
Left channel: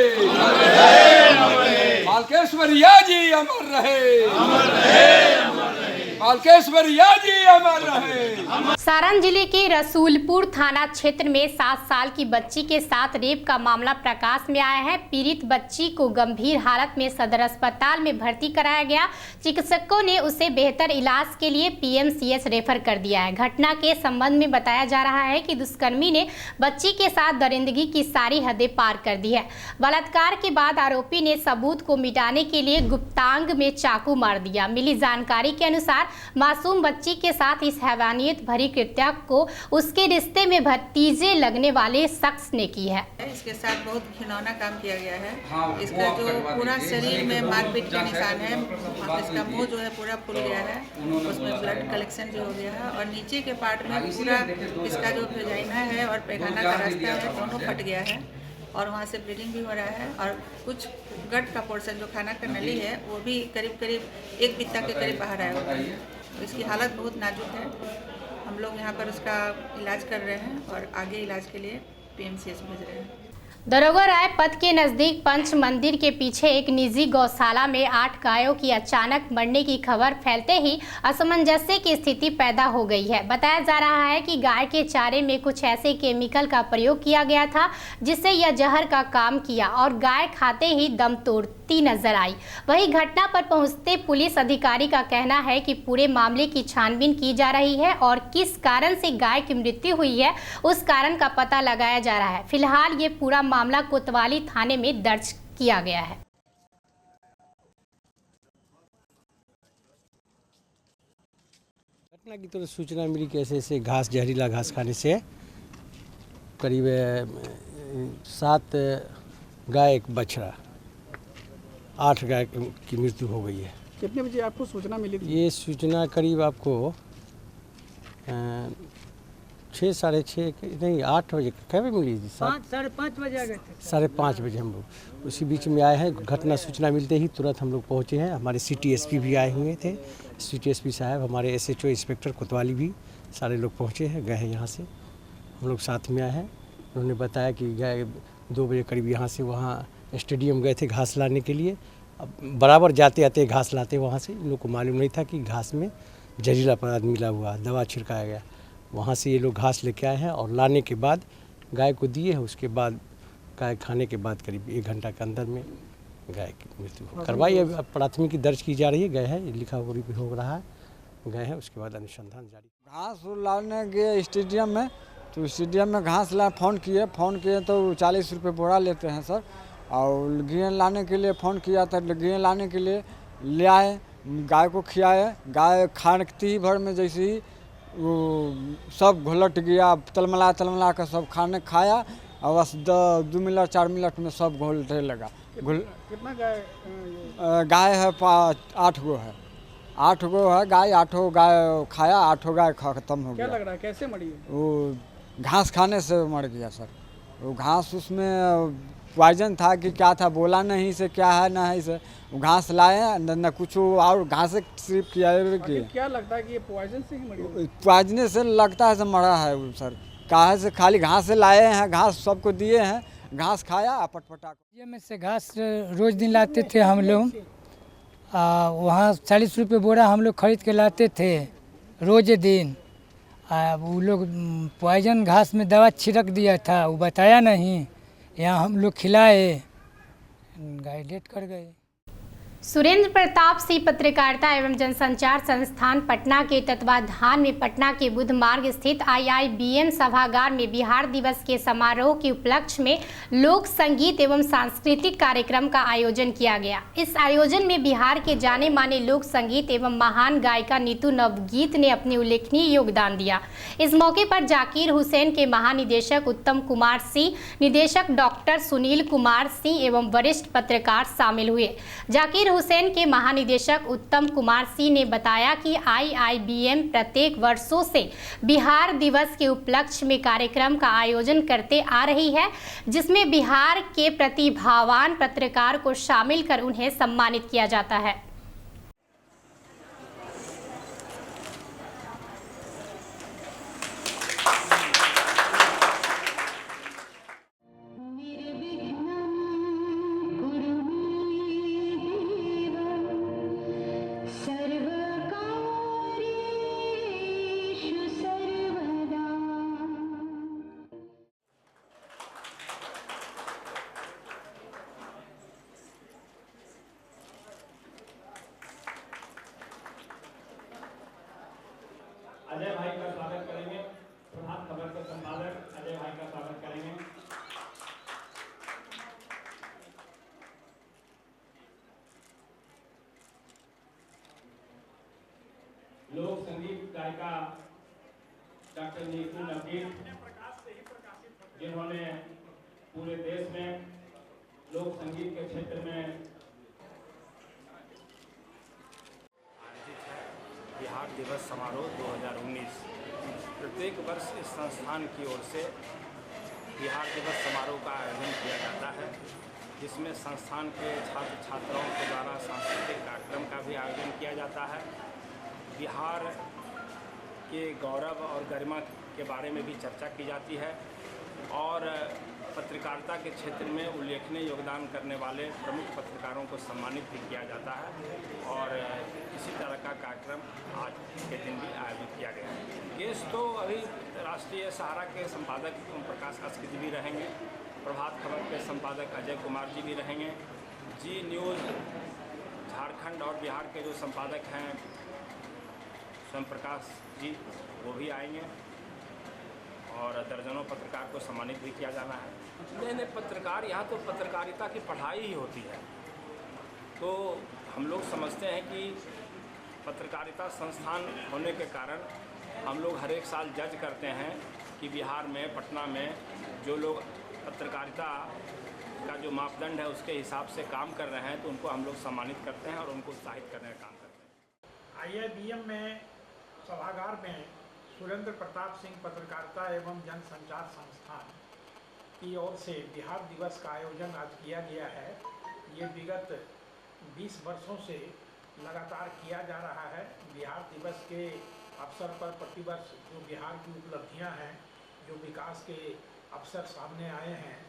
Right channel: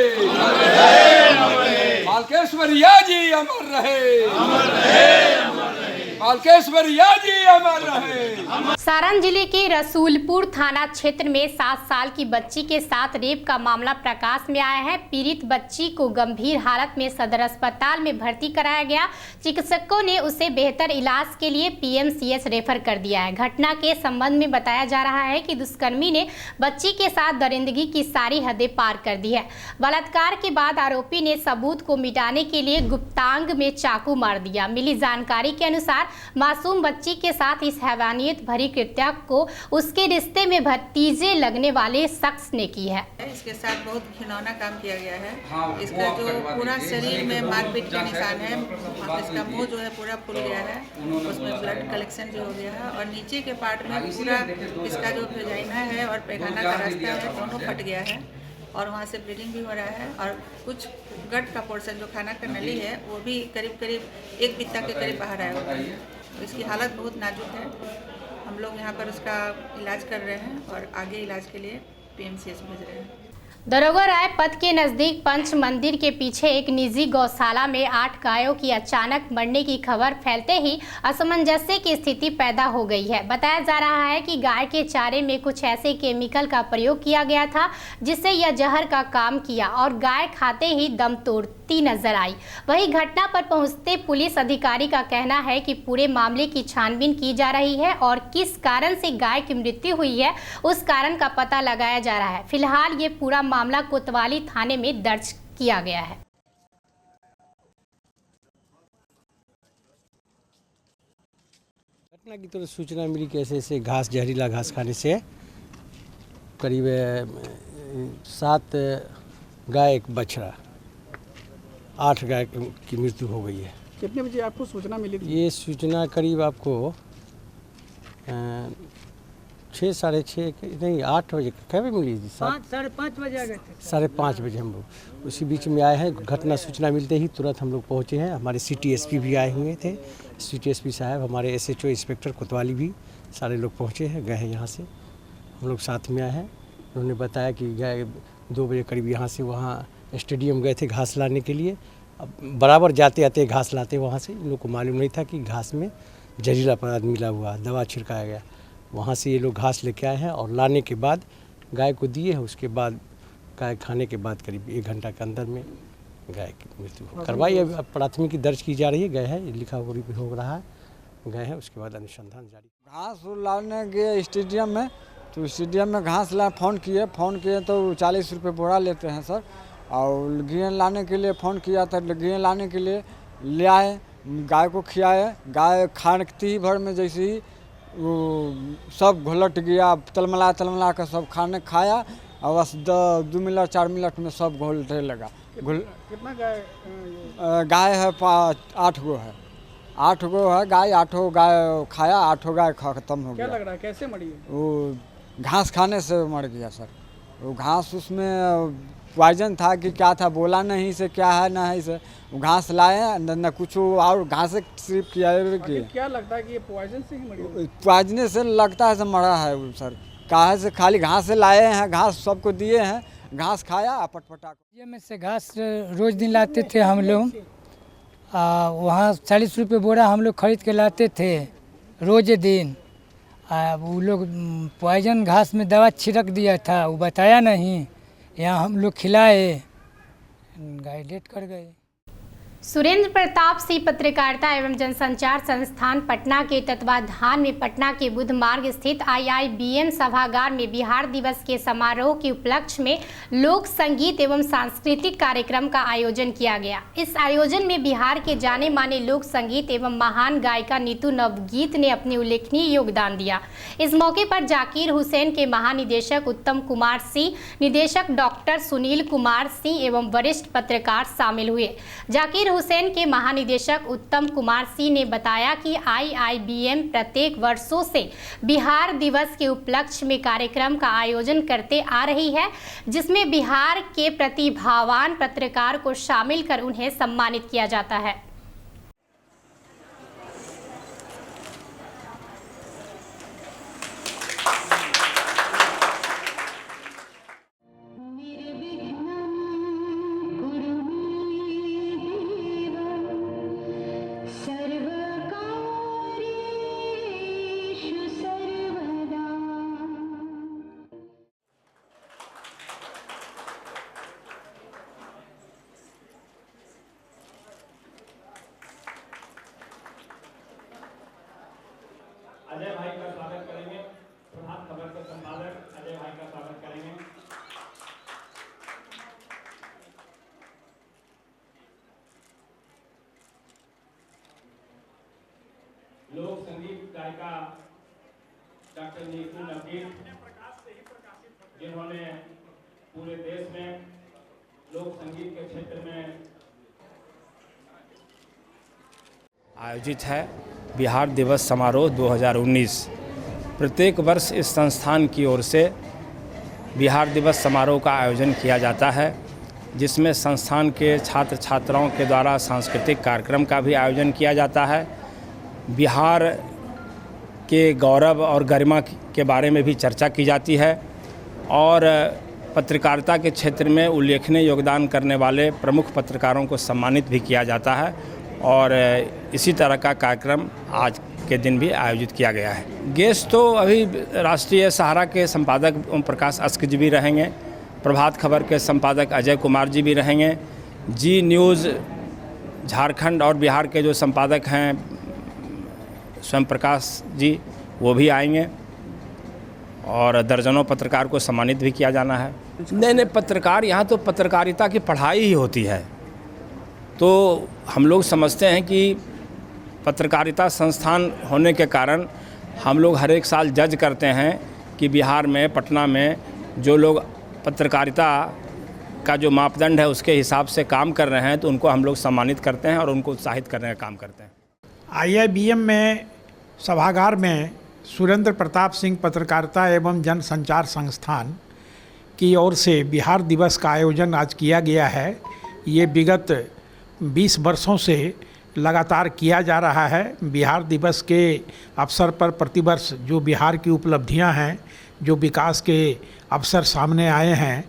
बालकेश्वरिया जी अमर रहे। बालकेश्वरिया जी अमर रहे। सारण जिले के रसूलपुर थाना क्षेत्र में 7 साल की बच्ची के साथ रेप का मामला प्रकाश में आया है। पीड़ित बच्ची को गंभीर हालत में सदर अस्पताल में भर्ती कराया गया। चिकित्सकों ने उसे बेहतर इलाज के लिए पीएमसीएच रेफर कर दिया है। घटना के संबंध में बताया जा रहा है कि दुष्कर्मी ने बच्ची के साथ दरिंदगी की सारी हदें पार कर दी है। बलात्कार के बाद आरोपी ने सबूत को मिटाने के लिए गुप्तांग में चाकू मार दिया। मिली जानकारी के अनुसार मासूम बच्ची के साथ इस हैवानियत भरी कृत्य को उसके रिश्ते में भतीजे लगने वाले शख्स ने की है। इसके साथ बहुत घिनौना काम किया गया है। इसका जो पूरा शरीर में मारपीट के निशान है, इसका मुंह जो है पूरा फूल गया है, उसमें ब्लड कलेक्शन जो हो गया है और नीचे के पार्ट में पूरा इसका जो वेजाइना है और पैखाना का रास्ता है दोनों फट गया है और वहाँ से ब्लीडिंग भी हो रहा है और कुछ गट का पोर्शन जो खाना का नली है वो भी करीब करीब 1 बित्ता के करीब बाहर आया हुआ है। तो इसकी हालत बहुत नाजुक है। हम लोग यहाँ पर उसका इलाज कर रहे हैं और आगे इलाज के लिए पीएमसीएच भेज रहे हैं। दरोगा राय पथ के नजदीक पंच मंदिर के पीछे एक निजी गौशाला में 8 गायों की अचानक मरने की खबर फैलते ही असमंजस्य की स्थिति पैदा हो गई है। बताया जा रहा है कि गाय के चारे में कुछ ऐसे केमिकल का प्रयोग किया गया था जिससे यह जहर का काम किया और गाय खाते ही दम तोड़ती नजर आई। वहीं घटना पर पहुंचते पुलिस अधिकारी का कहना है कि पूरे मामले की छानबीन की जा रही है और किस कारण से गाय की मृत्यु हुई है उस कारण का पता लगाया जा रहा है। फिलहाल ये पूरा मामला कोतवाली थाने में दर्ज किया गया है। घटना की तरफ सूचना मिली कि ऐसे घास जहरीला घास खाने से करीब 7 गाय एक बछड़ा 8 गाय की मृत्यु हो गई है। कितने बजे आपको सूचना मिली थी? ये सूचना करीब आपको 6 साढ़े 6 नहीं 8 बजे कब मिली थी? 5:30 बजे आ गए थे। 5:30 बजे हम लोग उसी बीच में आए हैं। घटना सूचना मिलते ही तुरंत हम लोग पहुँचे हैं। हमारे सिटी एसपी भी आए हुए थे, सिटी एसपी साहब, हमारे एसएचओ इंस्पेक्टर कोतवाली भी सारे लोग पहुँचे हैं, गए हैं यहाँ से। हम लोग साथ में आए हैं। उन्होंने बताया कि गए 2 बजे करीब यहाँ से वहाँ स्टेडियम गए थे घास लाने के लिए। अब बराबर जाते आते घास लाते वहाँ से इन लोग को मालूम नहीं था कि घास में जहरीला पदार्थ मिला हुआ, दवा छिड़काया गया। वहाँ से ये लोग घास लेके आए हैं और लाने के बाद गाय को दिए हैं। उसके बाद गाय खाने के बाद करीब 1 घंटा के अंदर में गाय की मृत्यु करवाई। अब प्राथमिकी दर्ज की जा रही है, गए हैं लिखा हो रहा है, गए हैं उसके बाद अनुसंधान जारी। घास लाने गए स्टेडियम में, तो स्टेडियम में घास ला फ़ोन किए तो 40 रुपये बोरा लेते हैं सर। और गेहूँ लाने के लिए फ़ोन किया था, गेहूँ लाने के लिए ले आए, गाय को खिलाए। गाय खाती ही भर में जैसे ही वो सब घुलट गया, तलमला कर सब खाने खाया और बस 2 मिनट 4 मिनट में सब घुलने लगा। कितना गाय है 8 गो है, 8 गो है गाय, 8 गाय खाया, 8 गाय खत्म हो गया। क्या लग रहा है कैसे मरी? वो घास खाने से मर गया सर। वो घास उसमें पॉइजन था कि क्या था, बोला नहीं से क्या है ना है से घास लाए न कुछ और घास सिर्फ किया है कि क्या लगता है कि ये पॉइजन से ही मरी? पॉइजन से लगता है से मरा है वो सर। कहा से खाली घास से लाए हैं, घास सबको दिए हैं, घास खाया पटपटा। ये में से घास रोज दिन लाते थे हम लोग, वहाँ 40 रुपये बोरा हम लोग खरीद के लाते थे रोज दिन। वो लोग पॉइजन घास में दवा छिड़क दिया था, वो बताया नहीं, यहाँ हम लोग खिलाए, गाय डेट कर गए। सुरेंद्र प्रताप सिंह पत्रकारिता एवं जनसंचार संस्थान पटना के तत्वाधान में पटना के बुध मार्ग स्थित IIBM सभागार में बिहार दिवस के समारोह के उपलक्ष्य में लोक संगीत एवं सांस्कृतिक कार्यक्रम का आयोजन किया गया। इस आयोजन में बिहार के जाने माने लोक संगीत एवं महान गायिका नीतू नवगीत ने अपने उल्लेखनीय योगदान दिया। इस मौके पर जाकिर हुसैन के महानिदेशक उत्तम कुमार सिंह, निदेशक डॉक्टर सुनील कुमार सिंह एवं वरिष्ठ पत्रकार शामिल हुए। जाकिर हुसैन के महानिदेशक उत्तम कुमार सिंह ने बताया कि IIBM प्रत्येक वर्षों से बिहार दिवस के उपलक्ष्य में कार्यक्रम का आयोजन करते आ रही है, जिसमें बिहार के प्रतिभावान पत्रकार को शामिल कर उन्हें सम्मानित किया जाता है। अजय भाई का स्वागत करेंगे। प्रभात खबर के संपादक अजय भाई का स्वागत करेंगे। लोक संगीत गायिका डॉक्टर नीतू नवदीप, जिन्होंने पूरे देश में लोक संगीत के क्षेत्र में आयोजित है बिहार दिवस समारोह 2019। प्रत्येक वर्ष इस संस्थान की ओर से बिहार दिवस समारोह का आयोजन किया जाता है, जिसमें संस्थान के छात्र छात्राओं के द्वारा सांस्कृतिक कार्यक्रम का भी आयोजन किया जाता है। बिहार के गौरव और गरिमा के बारे में भी चर्चा की जाती है और पत्रकारिता के क्षेत्र में उल्लेखनीय योगदान करने वाले प्रमुख पत्रकारों को सम्मानित भी किया जाता है और इसी तरह का कार्यक्रम आज के दिन भी आयोजित किया गया है। गेस्ट तो अभी राष्ट्रीय सहारा के संपादक ओम प्रकाश अस्क जी भी रहेंगे, प्रभात खबर के संपादक अजय कुमार जी भी रहेंगे, जी न्यूज़ झारखंड और बिहार के जो संपादक हैं स्वयं प्रकाश जी वो भी आएंगे और दर्जनों पत्रकार को सम्मानित भी किया जाना है। नहीं, पत्रकार यहाँ तो पत्रकारिता की पढ़ाई ही होती है, तो हम लोग समझते हैं कि पत्रकारिता संस्थान होने के कारण हम लोग हर एक साल जज करते हैं कि बिहार में, पटना में जो लोग पत्रकारिता का जो मापदंड है उसके हिसाब से काम कर रहे हैं, तो उनको हम लोग सम्मानित करते हैं और उनको उत्साहित करने का काम करते हैं। IIBM में सभागार में सुरेंद्र प्रताप सिंह पत्रकारिता एवं जनसंचार संस्थान की ओर से बिहार दिवस का आयोजन आज किया गया है। ये विगत 20 वर्षों से लगातार किया जा रहा है। बिहार दिवस के अवसर पर प्रतिवर्ष जो बिहार की उपलब्धियां हैं, जो विकास के अवसर सामने आए हैं,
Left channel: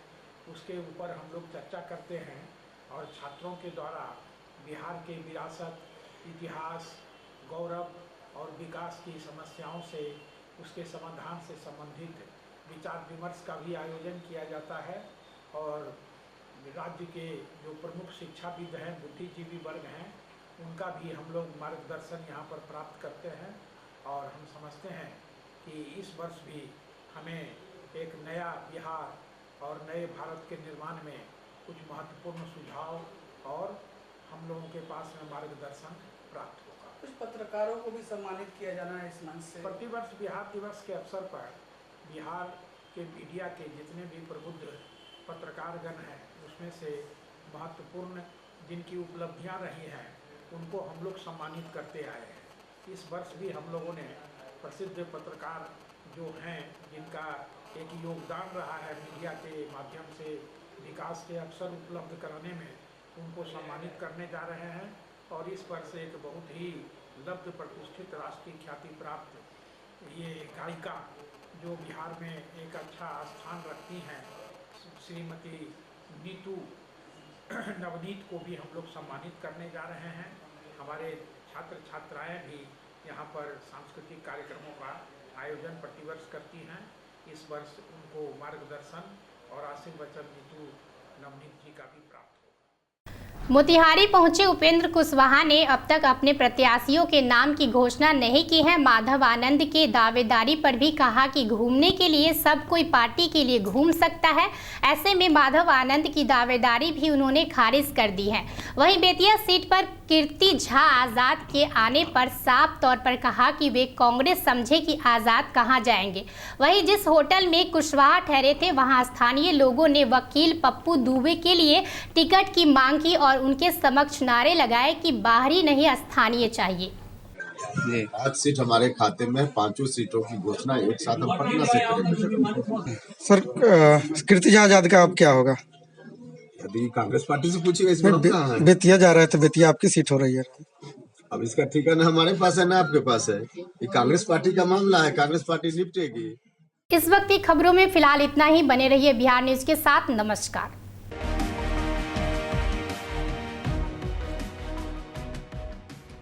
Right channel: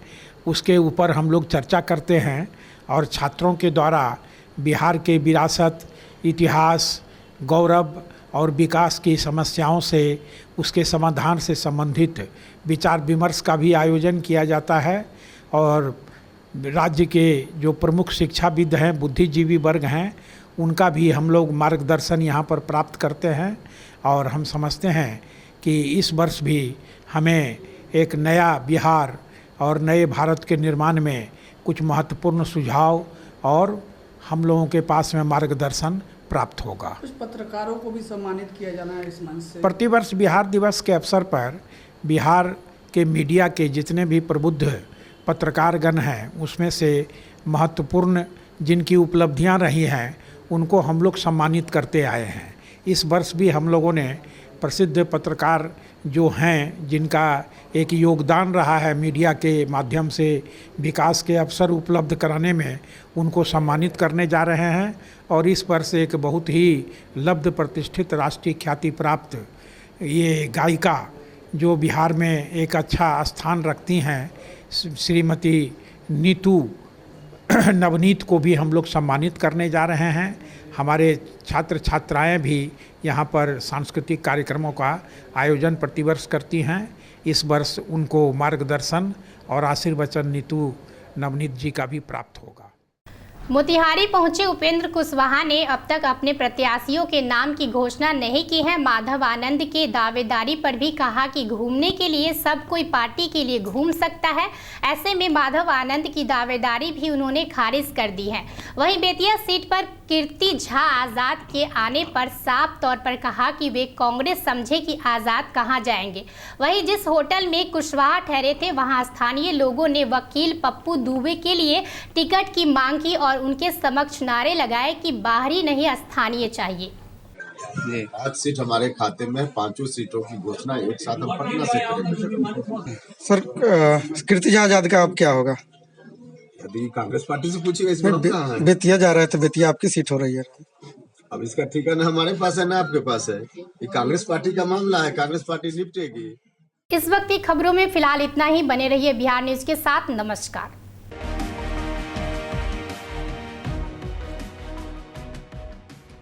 उसके ऊपर हम लोग चर्चा करते हैं और छात्रों के द्वारा बिहार के विरासत, इतिहास, गौरव और विकास की समस्याओं से, उसके समाधान से संबंधित विचार विमर्श का भी आयोजन किया जाता है और राज्य के जो प्रमुख शिक्षाविद हैं, बुद्धिजीवी वर्ग हैं, उनका भी हम लोग मार्गदर्शन यहाँ पर प्राप्त करते हैं और हम समझते हैं कि इस वर्ष भी हमें एक नया बिहार और नए भारत के निर्माण में कुछ महत्वपूर्ण सुझाव और हम लोगों के पास में मार्गदर्शन प्राप्त होगा। कुछ पत्रकारों को भी सम्मानित किया जाना है इस मंच से। प्रतिवर्ष बिहार दिवस के अवसर पर बिहार के मीडिया के जितने भी प्रबुद्ध पत्रकारगण हैं, उसमें से महत्वपूर्ण जिनकी उपलब्धियां रही हैं, उनको हम लोग सम्मानित करते आए हैं। इस वर्ष भी हम लोगों ने प्रसिद्ध पत्रकार जो हैं, जिनका एक योगदान रहा है मीडिया के माध्यम से विकास के अवसर उपलब्ध कराने में, उनको सम्मानित करने जा रहे हैं और इस वर्ष एक बहुत ही लब्ध प्रतिष्ठित राष्ट्रीय ख्याति प्राप्त ये गायिका जो बिहार में एक अच्छा स्थान रखती हैं, श्रीमती नीतू नवनीत को भी हम लोग सम्मानित करने जा रहे हैं। हमारे छात्र छात्राएं भी यहाँ पर सांस्कृतिक कार्यक्रमों का आयोजन प्रतिवर्ष करती हैं। इस वर्ष उनको मार्गदर्शन और आशीर्वचन नीतू नवनीत जी का भी प्राप्त होगा। मोतिहारी पहुंचे उपेंद्र कुशवाहा ने अब तक अपने प्रत्याशियों के नाम की घोषणा नहीं की है। माधव आनंद के दावेदारी पर भी कहा कि घूमने के लिए सब कोई पार्टी के लिए घूम सकता है। ऐसे में माधव आनंद की दावेदारी भी उन्होंने खारिज कर दी है। वहीं बेतिया सीट पर कीर्ति झा आज़ाद के आने पर साफ तौर पर कहा कि वे कांग्रेस समझे कि आज़ाद कहां जाएंगे। वहीं जिस होटल में कुशवाहा ठहरे थे, वहां स्थानीय लोगों ने वकील पप्पू दुबे के लिए टिकट की मांग की और उनके समक्ष नारे लगाए कि बाहरी नहीं स्थानीय चाहिए। 5 सीट हमारे खाते में, 5 सीटों की घोषणा एक साथ हम पटना से करेंगे। सर, कीर्ति झा आजाद का अब क्या होगा? अभी कांग्रेस पार्टी से पूछिए, इसमें बेतिया जा रहे थे, बेतिया आपकी सीट हो रही है। अब इसका ठिकाना हमारे पास है ना आपके पास है? ये कांग्रेस पार्टी का मामला है, कांग्रेस पार्टी निपटेगी। इस वक्त की खबरों में फिलहाल इतना ही। बने रहिए बिहार न्यूज के साथ। नमस्कार।